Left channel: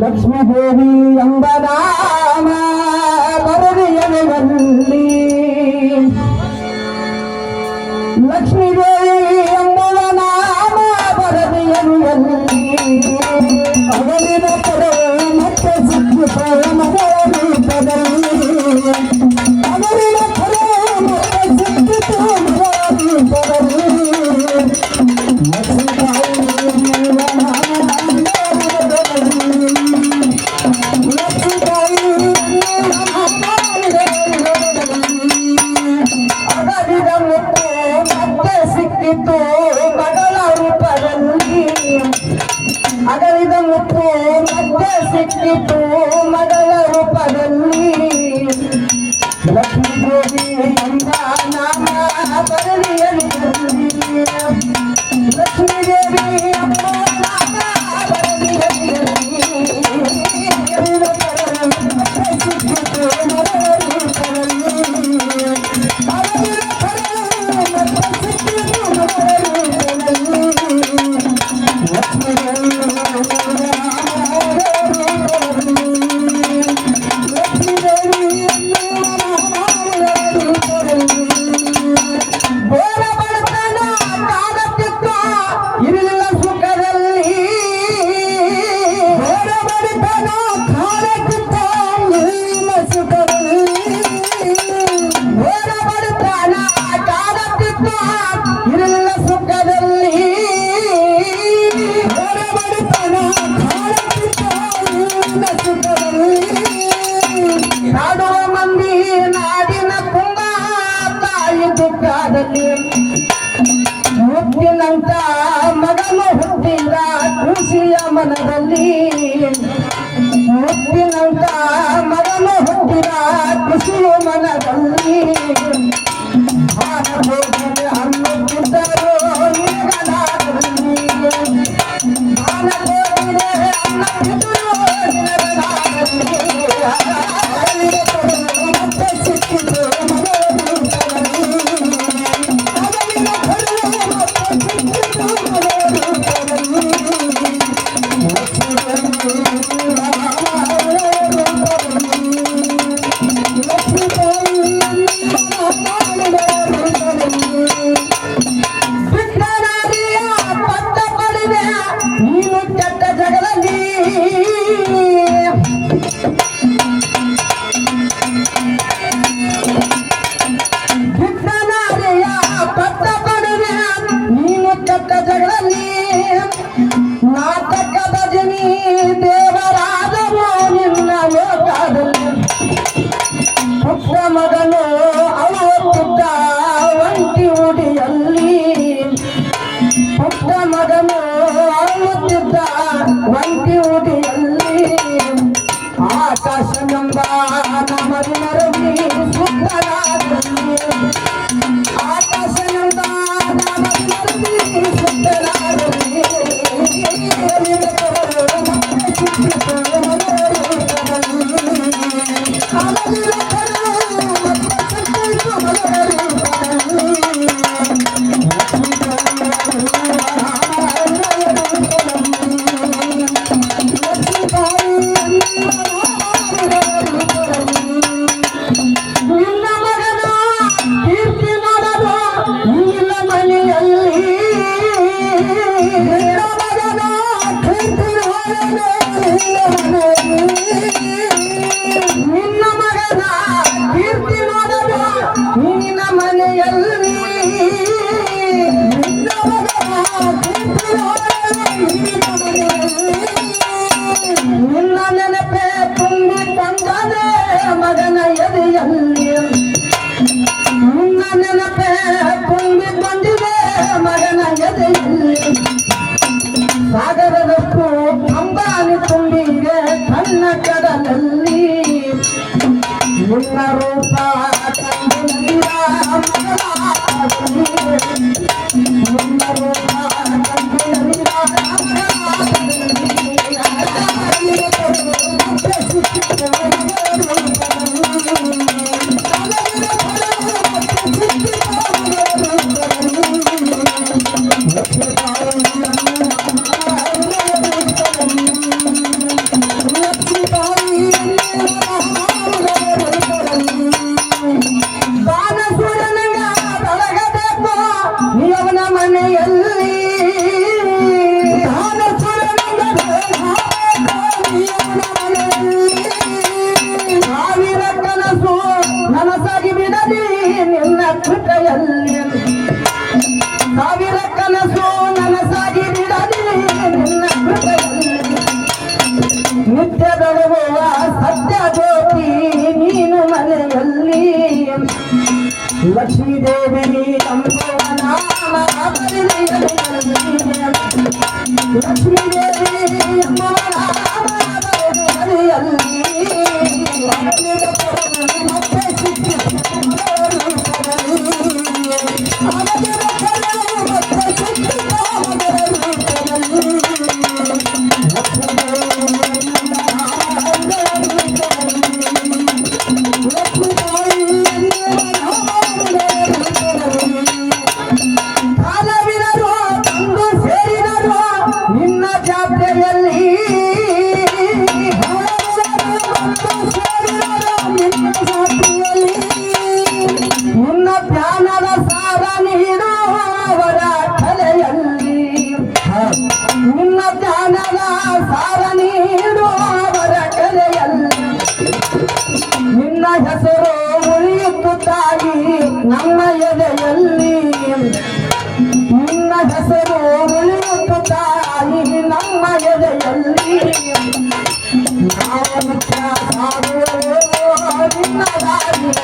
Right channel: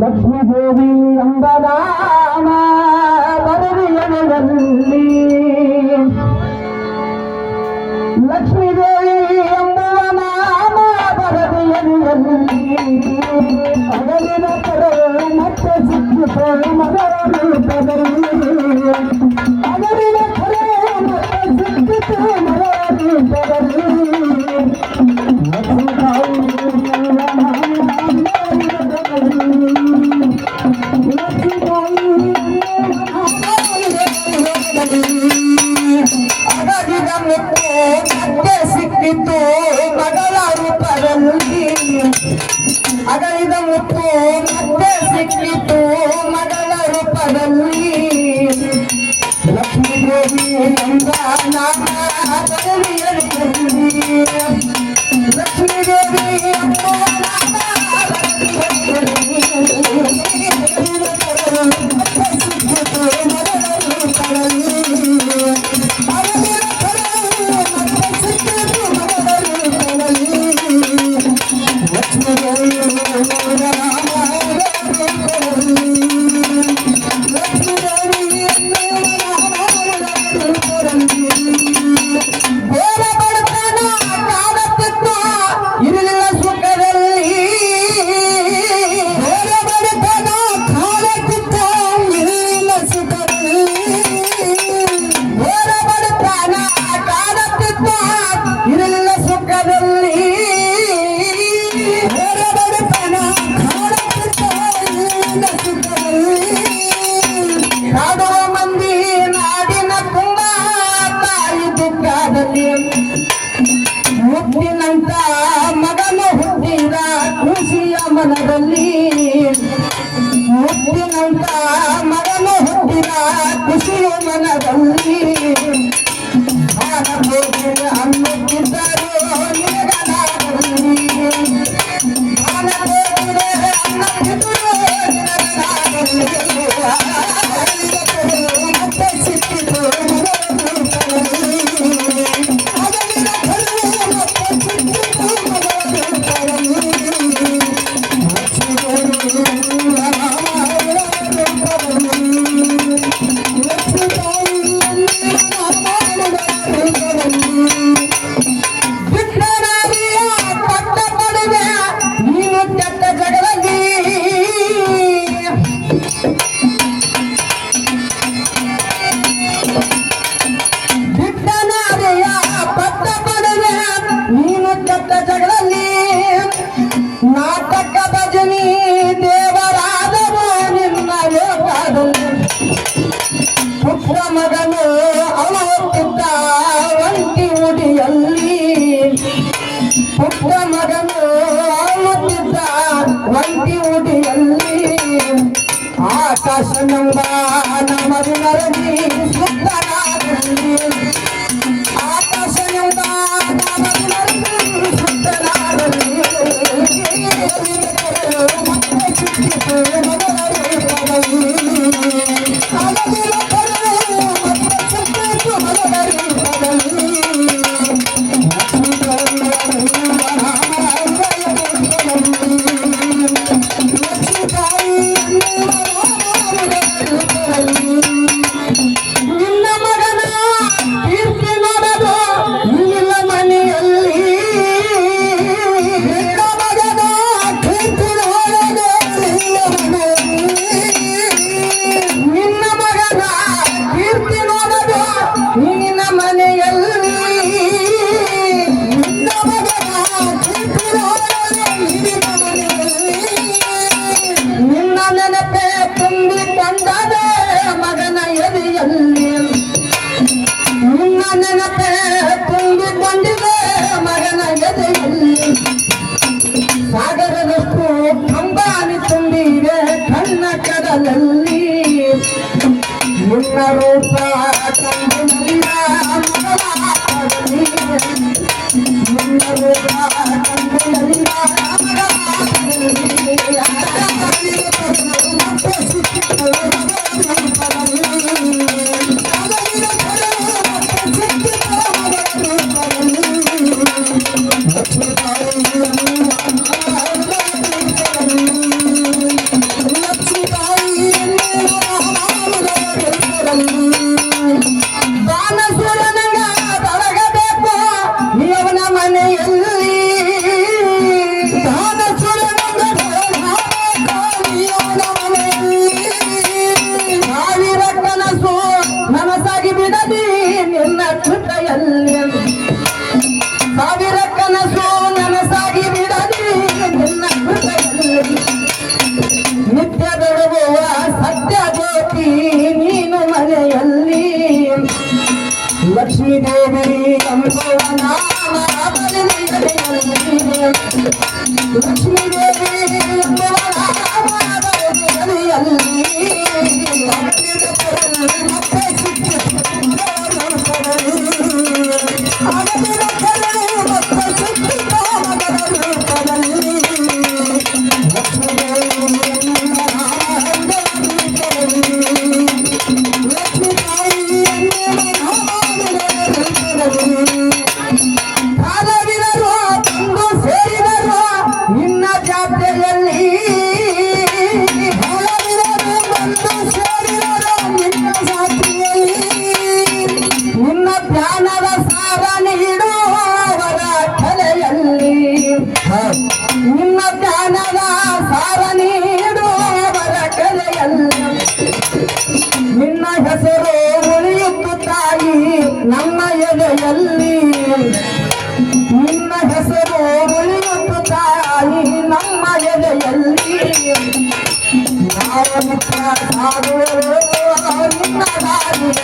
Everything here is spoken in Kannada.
ಲಕ್ಷ್ಮೀ ದೇವಿ ಎಂಬ ನಾಮ ಬರದಿಯನಲ್ಲಿ ಲಕ್ಷ್ಮೀ ದೇವಿ ಎಂಬುವ ನಾಮ ಬರದಿಯನಲ್ಲಿ ಅವರಿನ ಪಡೆ ಮತ್ತೆ ಸಿಕ್ಕಿತು ಮಗಳ ರೂಪದಲ್ಲಿ ಅವರಿನ ಪಡೆ ಮತ್ತೆ ಸಿಕ್ಕಿತು ಮಗಳ ರೂಪದಲ್ಲಿ ಮಗಳ ರೂಪದಲ್ಲಿ ಅಗಲಿದ ಮುತ್ತು ಮತ್ತೆ ಸಿಕ್ಕಿತು ಮಗಳ ರೂಪದಲ್ಲಿ ಲಕ್ಷ್ಮೀ ದೇವಿ ಎಂಬ ನಾಮ ಬರಲಿಯಲಿ ಲಕ್ಷ್ಮೀ ದೇವಿ ಎಂಬ ನಾಮ ಬರಲಿಯಲಿ ಸಿಕ್ಕಿತು ಮಗಳ ರೂಪದಲ್ಲಿ ನಾಡುವ ಮಂದಿ ನಾಡಿನ ತುಂಬ ತಾಯಿ ದುಃಖದಲ್ಲಿ ಮುತ್ತಿನಂತ ಮಗನು ಹುಟ್ಟಿದ ಖುಷಿಯ ಮನದಲ್ಲಿ ಮುತ್ತಿನಂತ ಮಗನು ಹುಟ್ಟಿದ ಖುಷಿಯ ಮನದಲ್ಲಿ ಅನ್ನುತ್ತಿದ್ದರು ನಾಟಕ ಭಜನಿ ದೇವರಾದವು ನಿನ್ನ ಲೋಕದಲ್ಲಿ ಪುತ್ರ ಮಗನು ಅಳುತ್ತಿದ್ದ ಒಂಟಿ ಉಡಿಯಲ್ಲಿ ಪುತ್ರ ಮಗನು ಅಳುತ್ತಿದ್ದ ಒಂಟಿ ಉಡಿಯಲ್ಲಿ ಆಕಾಶನೆಂಬ ನಾಮವಿನರಲ್ಲಿ ಸುತ್ತನಾದಲ್ಲಿ ಆಕಾಶನೆಂಬ ನಾಮವಿನರಲ್ಲಿ ಸುತ್ತನಾದಲ್ಲಿ ಸಾಗರದಷ್ಟು ಅಂಬಾನಿ ತುಂಬಿದೆ ಕಣ್ಣ ಕಡಲಲ್ಲಿ ನಿನ್ನ ರೂಪ ಕಂಡಿಲ್ಲ ನಿನ್ನ ರೂಪ ಕಂಡಿಲ್ಲ ಎದೆಯಲ್ಲಿ ನಿನ್ನ ಹೆಸರು ಉಳಿಯುತ್ತ ತಾಯಿ ನಮ್ಮ ಎದೆಯಲ್ಲಿ ನಾವು